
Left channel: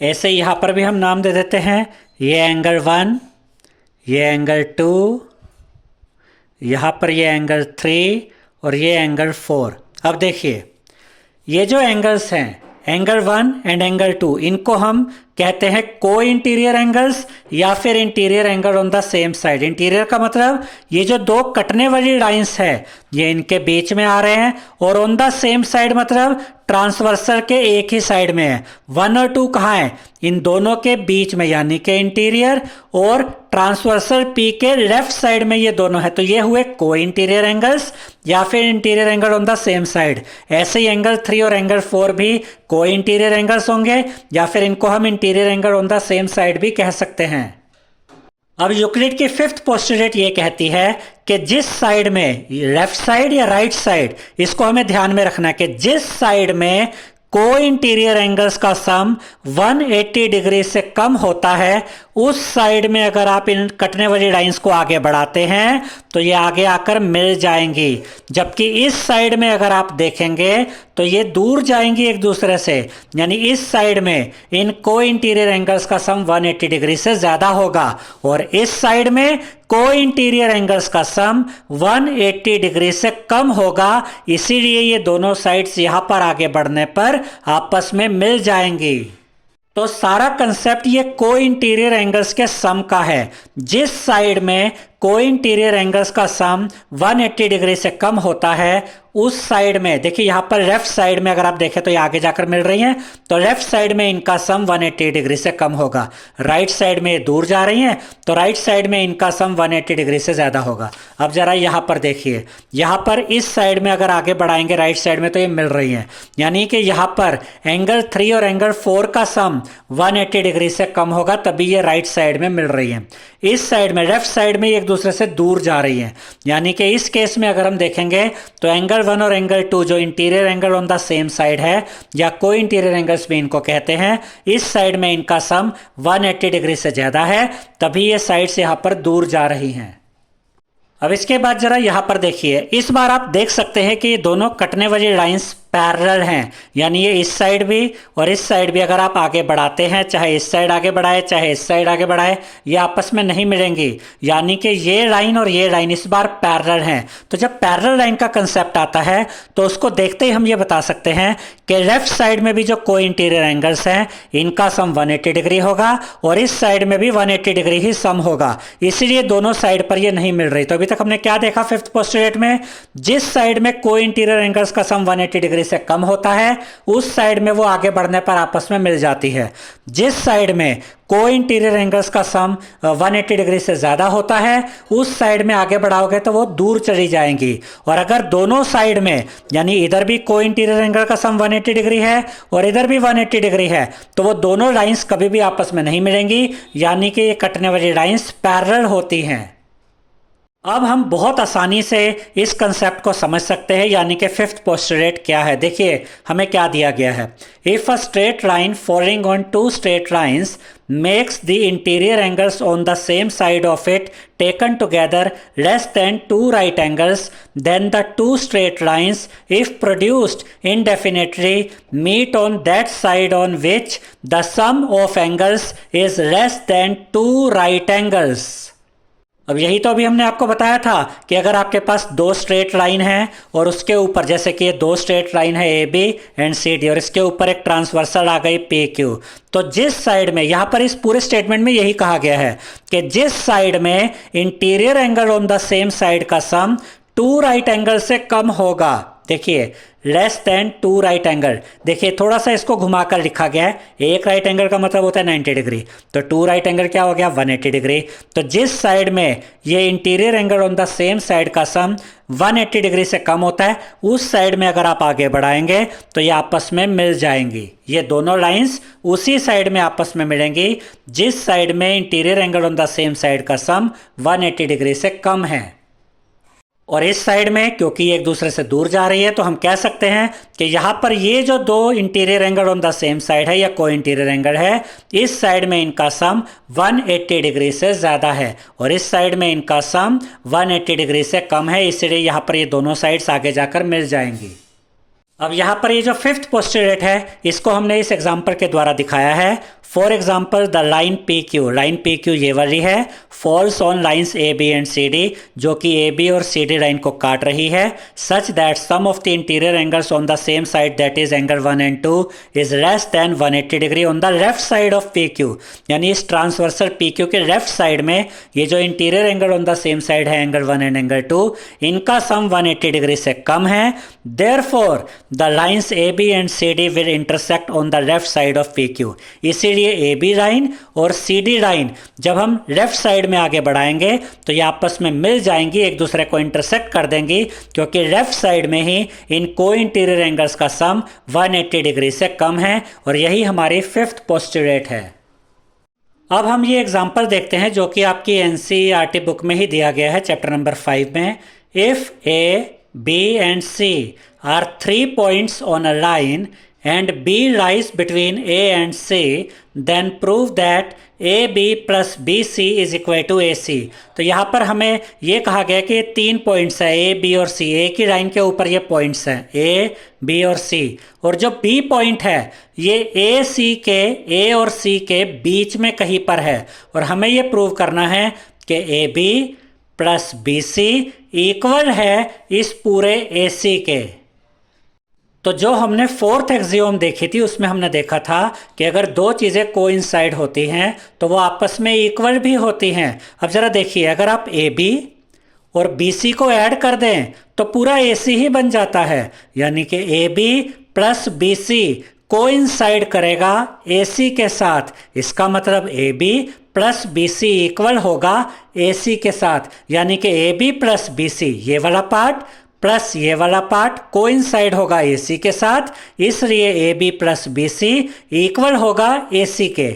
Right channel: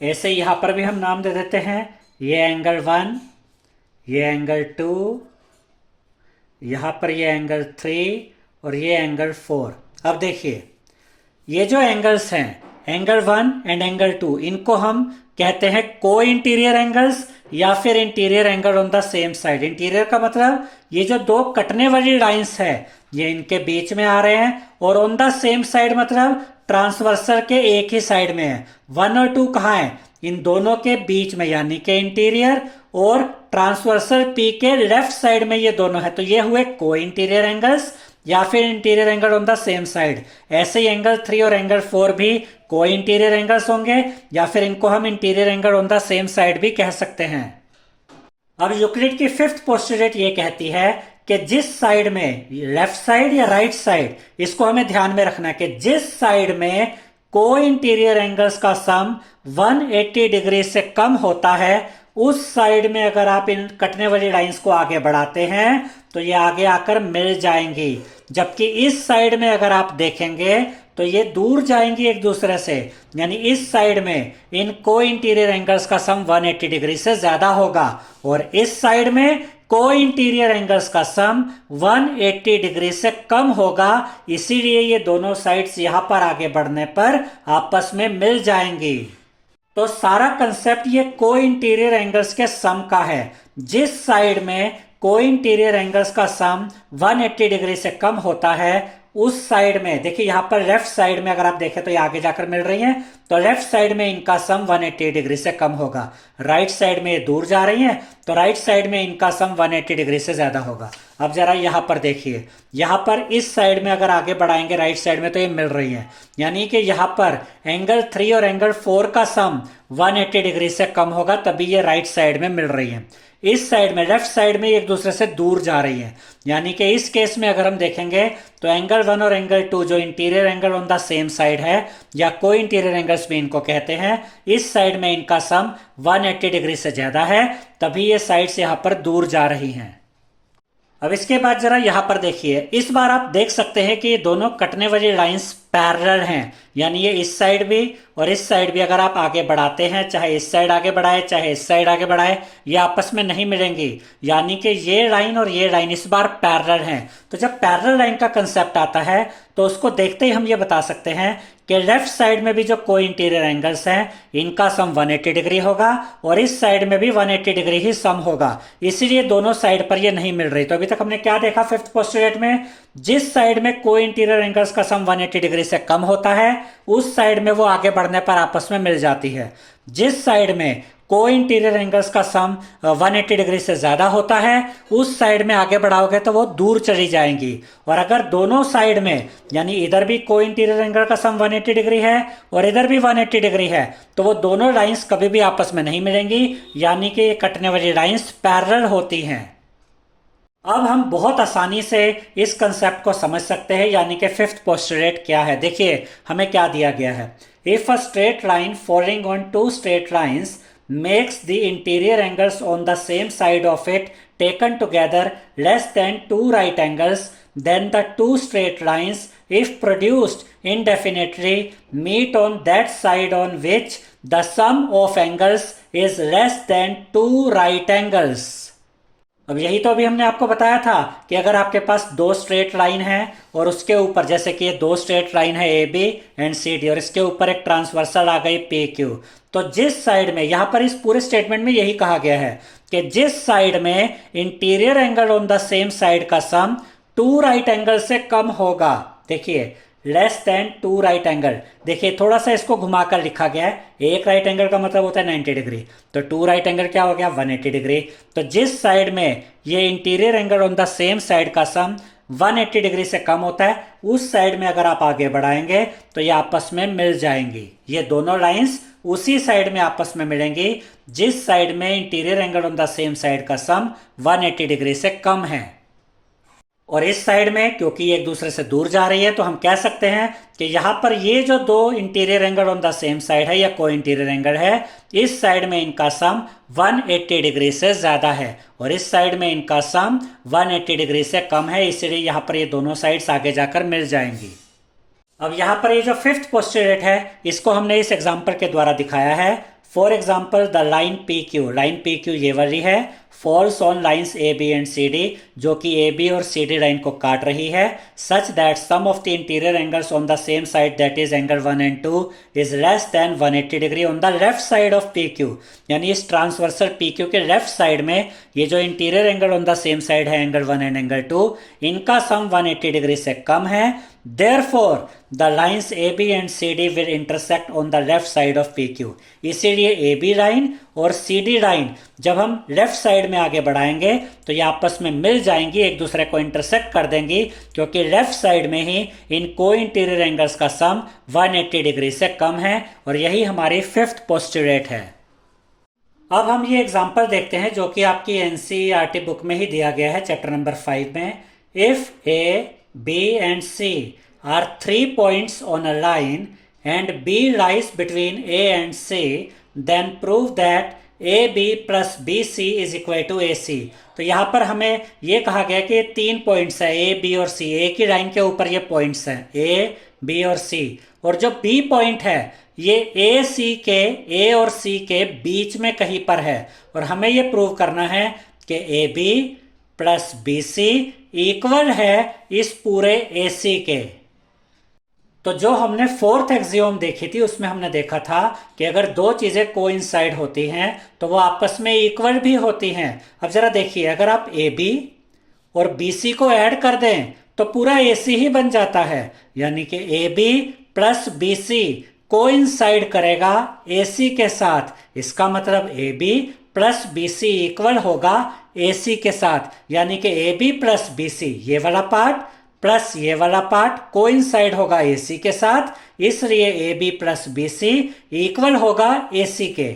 ऐसे यहां पर भी हम नाम दे देते हैं, ये एंगल 1, ये एंगल 2, यहां पर ये एंगल 3 और ये एंगल 4। अब देखिए ये जो एंगल्स हैं एंगल 1 एंड एंगल 2, इनको हम कहते हैं को इंटीरियर एंगल्स या फिर interior angle on the same side. Interior का मतलब ये जो दो कटने वाली लाइंस है ये इनके बीच में आ रहे हैं, और ऑन द सेम साइड मतलब ट्रांसवर्सल के एक ही साइड में है। 1 और 2 कहाँ है? इन दोनों के बीच में, यानी कि इंटीरियर और ट्रांसवर्सल पी के लेफ्ट साइड में ये दोनों है। तो ये हुए को इंटीरियर एंगल्स या फिर interior angle on the same side. ऐसे ही एंगल 3 और एंगल 4 भी को इंटीरियर एंगल्स होंगे, या फिर इनको हम interior angle on the same side भी कह सकते हैं। अब यूक्लिड की फिफ्थ पोस्टुलेट ये कहती है कि जिस साइड में, लेफ्ट साइड या राइट साइड, इसको हमें ध्यान में रखना है कि जिस साइड में को इंटीरियर एंगल्स का सम 180 डिग्री से कम होता है, उस साइड में अगर आप इन कटने वाली लाइंस को आगे बढ़ाते हैं तो ये आगे आकर मिल जाएंगी। जबकि इस साइड में अगर आप देखेंगे तो ये दूर जाएंगी एक दूसरे से, यानी इस साइड में इन को इंटीरियर एंगल्स का सम 180 डिग्री से ज्यादा होगा, और इस साइड में को इंटीरियर एंगल्स का सम 180 डिग्री से कम होगा। इसीलिए ये दोनों साइड्स यहां पर आगे बढ़ने पर आपस में मिल जाएंगी। तो सारा कंसेप्ट ये को इंटीरियर एंगल्स के सम का है। जिस साइड में को इंटीरियर एंगल्स का सम 180 डिग्री से कम होता है, उस साइड में देखिए यहां पर लेफ्ट साइड में अगर आप देखें तो ये आगे जाकर मिल रही हैं, तो लेफ्ट साइड में इनका सम 180 डिग्री से कम होगा। राइट साइड में ये दूर जा रही हैं तो राइट साइड में इनका सम 180 डिग्री से ज्यादा होगा। अब जरा यहां पर देखिए, यहां पर इस साइड में अगर आगे बढ़ाएंगे राइट साइड में तो ये मिल रही है, यानी कि यहां पर एंगल 3 और एंगल 4 का सम 180 डिग्री से कम होगा, तभी ये राइट साइड में मिल रही है। इस साइड में, लेफ्ट साइड में एक दूसरे से दूर जा रही है, यानी कि इस केस में अगर हम देखेंगे तो एंगल 1 और एंगल 2 जो interior angle on the same side है या को इंटीरियर एंगल्स भी इनको कहते हैं, इस साइड में इनका सम 180 डिग्री से ज्यादा है, तभी ये साइड्स यहां पर दूर जा रही हैं। अब इसके बाद जरा यहां पर देखिए, इस बार आप देख सकते हैं कि ये दोनों कटने वाली लाइंस पैरेलल हैं, यानी ये इस साइड भी और इस साइड भी अगर आप आगे बढ़ाते हैं, चाहे इस साइड आगे बढ़ाए चाहे इस साइड आगे बढ़ाए, ये आपस में नहीं मिलेंगी, यानी कि ये लाइन और ये लाइन इस बार पैरेलल हैं। तो जब पैरेलल लाइन का कंसेप्ट आता है तो उसको देखते ही हम ये बता सकते हैं कि लेफ्ट साइड में भी जो को इंटीरियर एंगल्स हैं इनका सम 180 डिग्री होगा और इस साइड में भी 180 डिग्री ही सम होगा, इसीलिए दोनों साइड पर ये नहीं मिल रही। तो अभी तक हमने क्या देखा फिफ्थ पोस्टुलेट में, जिस साइड में को इंटीरियर एंगल्स का सम 180 डिग्री से कम होता है उस साइड में वो आगे बढ़ने पर आपस में मिल जाती है। जिस साइड में को इंटीरियर एंगल्स का सम 180 डिग्री से ज्यादा होता है उस साइड में आगे बढ़ाओगे तो वो दूर चली जाएंगी। और अगर दोनों साइड में, यानी इधर भी को इंटीरियर एंगल का सम 180 डिग्री है और इधर भी 180 डिग्री है, तो वो दोनों लाइंस कभी भी आपस में नहीं मिलेंगी, यानी कि ये कटने वाली लाइंस पैरेलल होती हैं। अब हम बहुत आसानी से इस कंसेप्ट को समझ सकते हैं, यानी कि फिफ्थ पोस्टुलेट क्या है। देखिए हमें क्या दिया गया है। If a straight line following on two straight lines makes the interior angles on the same side of it taken together less than two right angles, then the two straight lines, if produced indefinitely, meet on that side on which the sum of angles is less than two right angles। अब यही तो अभी हमने आपको बताया था कि अगर आपके पास दो स्ट्रेट लाइन है और उसके ऊपर, जैसे कि ये दो स्ट्रेट लाइन है A B and C D, और इसके ऊपर एक ट्रांसवर्सल आ गई पी क्यू, तो जिस साइड में, यहां पर इस पूरे स्टेटमेंट में यही कहा गया है कि जिस साइड में interior angle on the same side का सम टू राइट एंगल से कम होगा। देखिए less than two right angle, देखिए थोड़ा सा इसको घुमाकर लिखा गया है। एक राइट एंगल का मतलब होता है 90 डिग्री, तो टू राइट एंगल क्या हो गया 180 डिग्री। तो जिस साइड में ये interior angle on the same side का सम 180 डिग्री से कम होता है, उस साइड में अगर आप आगे बढ़ाएंगे तो ये आपस में मिल जाएंगी। ये दोनों लाइंस उसी साइड में आपस में मिलेंगी जिस साइड में interior angle on the same side का सम 180 डिग्री से कम है। और इस साइड में क्योंकि एक दूसरे से दूर जा रही है, तो हम कह सकते हैं कि यहाँ पर ये जो दो interior angle on the same side है या को इंटीरियर एंगल है, इस साइड में इनका सम 180 डिग्री से ज़्यादा है और इस साइड में इनका सम 180 डिग्री से कम है, इसलिए यहाँ पर ये दोनों साइड्स आगे जाकर मिल जाएंगी। अब यहाँ पर ये जो फिफ्थ पोस्टुलेट है, इसको हमने इस एग्जाम्पल के द्वारा दिखाया है। For example the line P Q, line P Q ये वाली है, falls on lines A B and C D, जो कि ए बी और सी डी लाइन को काट रही है, such that sum of the interior angles on the same side that is angle 1 and 2 is less than 180 degree on the left side of P Q. यानी इस transversal P Q के left side में ये जो interior angle on the same side है angle 1 and angle 2, इनका सम 180 degree से कम है। Therefore, the lines AB and CD will intersect on the left side of PQ। इसीलिए AB लाइन और CD लाइन जब हम लेफ्ट साइड में आगे बढ़ाएंगे तो ये आपस में मिल जाएंगी, एक दूसरे को इंटरसेक्ट कर देंगी, क्योंकि लेफ्ट साइड में ही इन को इंटीरियर एंगल्स का सम 180 डिग्री से कम है और यही हमारी फिफ्थ पोस्टुलेट है। अब हम ये एग्जांपल देखते हैं जो कि आपकी एनसीईआरटी बुक में ही दिया गया है, चैप्टर नंबर 5 में। If A B and C are 3 points on a line and B lies between A and C, then prove that AB plus BC is equal to AC। तो यहाँ पर हमें ये कहा गया कि 3 पॉइंट्स है A, B और C, A की लाइन के ऊपर ये पॉइंट्स हैं A, B और C, और जो B पॉइंट है ये AC के, A और C के बीच में कहीं पर है, और हमें ये प्रूव करना है कि AB plus B C equal है इस पूरे ए सी के। तो जो हमने फोर्थ एक्सियोम देखी थी उसमें हमने देखा था कि अगर दो चीज़ें कोइंसाइड होती हैं तो वो आपस में इक्वल भी होती हैं। अब ज़रा देखिए, अगर आप ए बी और बी सी को ऐड कर दें तो पूरा ए सी ही बन जाता है, यानी कि A B plus B C coincide करेगा ए सी के साथ। इसका मतलब A B plus B C equal होगा ए सी के साथ, यानी कि A B plus B C ये वाला पार्ट प्लस ये वाला पार्ट कोइंसाइड होगा ए सी के साथ, इसलिए A B plus B C equal होगा ए सी के।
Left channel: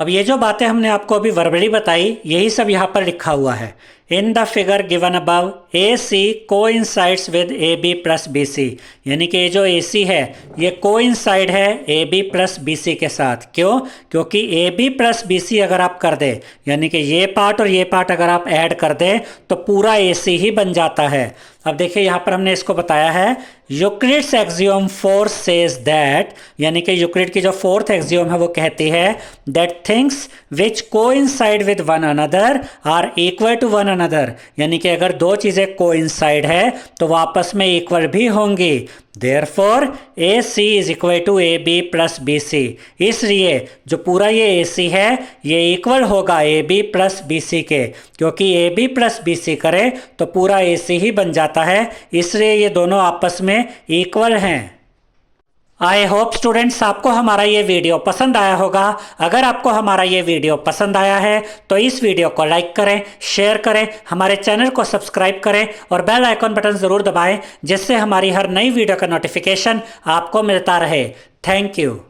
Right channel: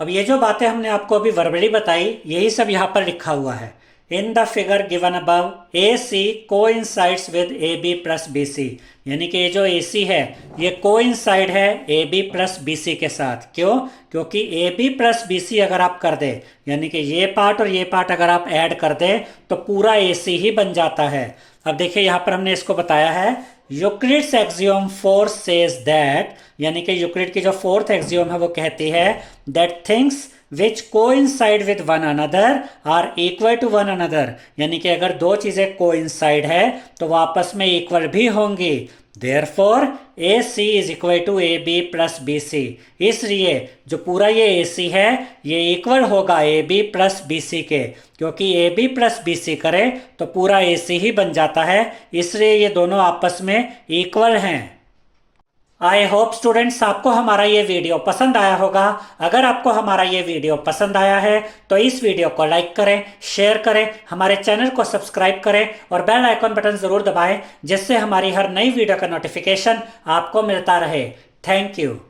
अब ये जो बातें हमने आपको अभी वर्बली बताई, यही सब यहाँ पर लिखा हुआ है। In the figure given above A C coincides with A B plus B C, यानी कि ये जो ए सी है ये कोइंसाइड है A B plus B C के साथ। क्यों? क्योंकि A B plus B C अगर आप कर दे, यानी कि ये पार्ट और ये पार्ट अगर आप ऐड कर दे तो पूरा ए सी ही बन जाता है। अब देखिए यहाँ पर हमने इसको बताया है, यूक्लिड्स एक्सियोम 4 सेज दैट, यानी कि यूक्लिड की जो फोर्थ एक्सियोम है वो कहती है that things which coincide with one another are equal to one another, यानी कि अगर दो चीज़ें कोइंसाइड है तो वो आपस में इक्वल भी होंगी। Therefore, AC is equal to AB plus BC, इसलिए जो पूरा ये AC है ये इक्वल होगा AB प्लस BC के, क्योंकि AB प्लस BC करे तो पूरा AC ही बन जाता है, इसलिए ये दोनों आपस में इक्वल हैं। आई होप स्टूडेंट्स आपको हमारा ये वीडियो पसंद आया होगा। अगर आपको हमारा ये वीडियो पसंद आया है तो इस वीडियो को लाइक करें, शेयर करें, हमारे चैनल को सब्सक्राइब करें और बेल आइकॉन बटन ज़रूर दबाएं, जिससे हमारी हर नई वीडियो का नोटिफिकेशन आपको मिलता रहे। Thank you.